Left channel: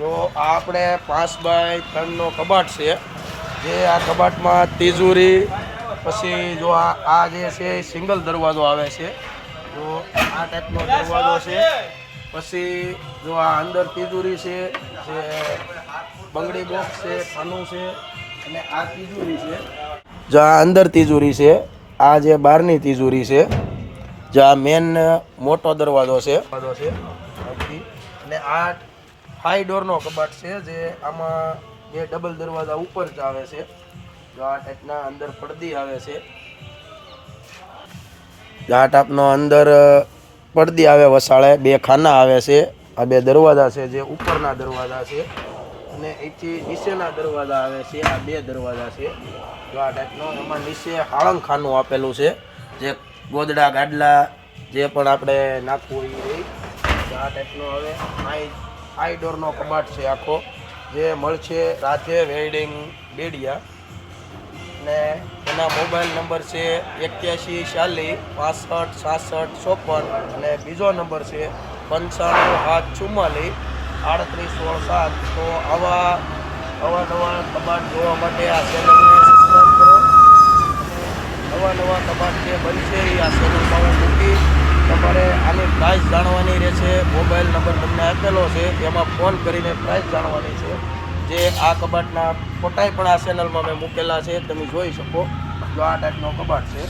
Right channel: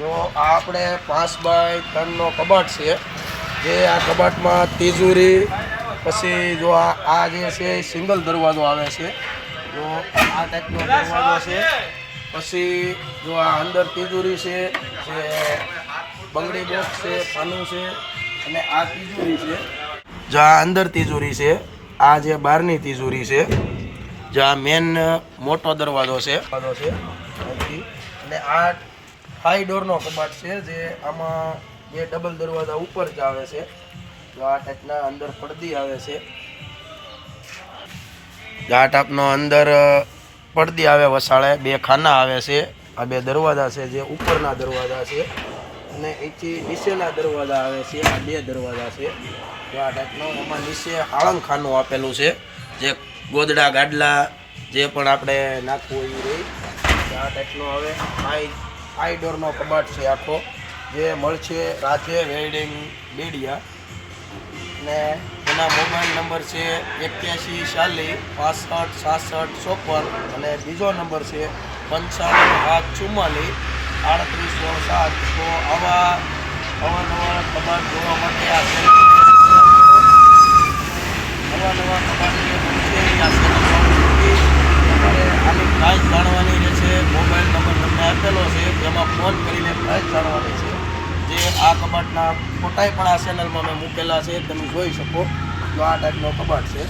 જો આપણે પાંચ બાય ત્રણનો કબાટ છે. જે આ કબાટમાં તિજોરી, પછી જો આ જે છે સિંગલ દરવાજો આવે છે. જો આ ટાઈપનો દરવાજો છે. પછી જો આ અંદર તિજોરી છે, જે બંગડી બોક્સ છે, ખાનું છે, અને આ તિજોરી છે. જો આ અંદર તિજોરી છે, આ જે બહારની તિજોરી છે, જે આ મેન મોટો દરવાજો છે. દરવાજો છે. અને આ ફાઈવ ડોરનો કબાટ છે, જે આમાં બે ડબલ દરવાજા ઉપર જ આવે છે. તો આ ટાઈપના અંદર પડદી આવે છે. આ ટાઈપનો અંદર પડદી આવે વસાળે, બે ખાના આવે છે. આ બે દરવાજા છે જે ઉપરના દરવાજા છે. અને એથી નીચેના દરવાજા આવે છે, આ બે દરવાજા છે. તો આ ટાઈપનો એમાં નીચે આળમ ખાનું આપેલું છે, જે ગોદડા ગાડલા જે પણ આપણે નાખવું હોય એ. આ ટાઈપનો હવે ફાઈ ફાઈ ડોરનો કબાટ છે આખો, જે મળશે રાધે વેલ્ડિંગ બેડિયા ને એના મોબાઈલ નંબર છે એક્યાસી ચાલીસ, પાસઠ, સાસઠ, ચોપન અને બીજો નંબર છે પંચાણું સાત ચુમ્માલીસ, આડત્રીસ સો સાત તો આવા અવાનવા કબાટ જોવા માટે આ ચેનલને સબસ્ક્રાઈબ કરો. નવા નવા કબાટ જે બનશે એ આ ચેનલમાં મૂકી તમારે આની પ્રાઇસ જાણવાની રહેશે મોબાઈલ નંબર તમને આપેલો છે. એમાં ફોન કરીને પ્રાઇસ જાણવાની છે. જે આ કબાટના ફોટાઈ પણ આ ચેનલમાં મેં મૂકેલા છે. તમે જોઈ શકો. જો આ ટાઈપનો કબાટ છે.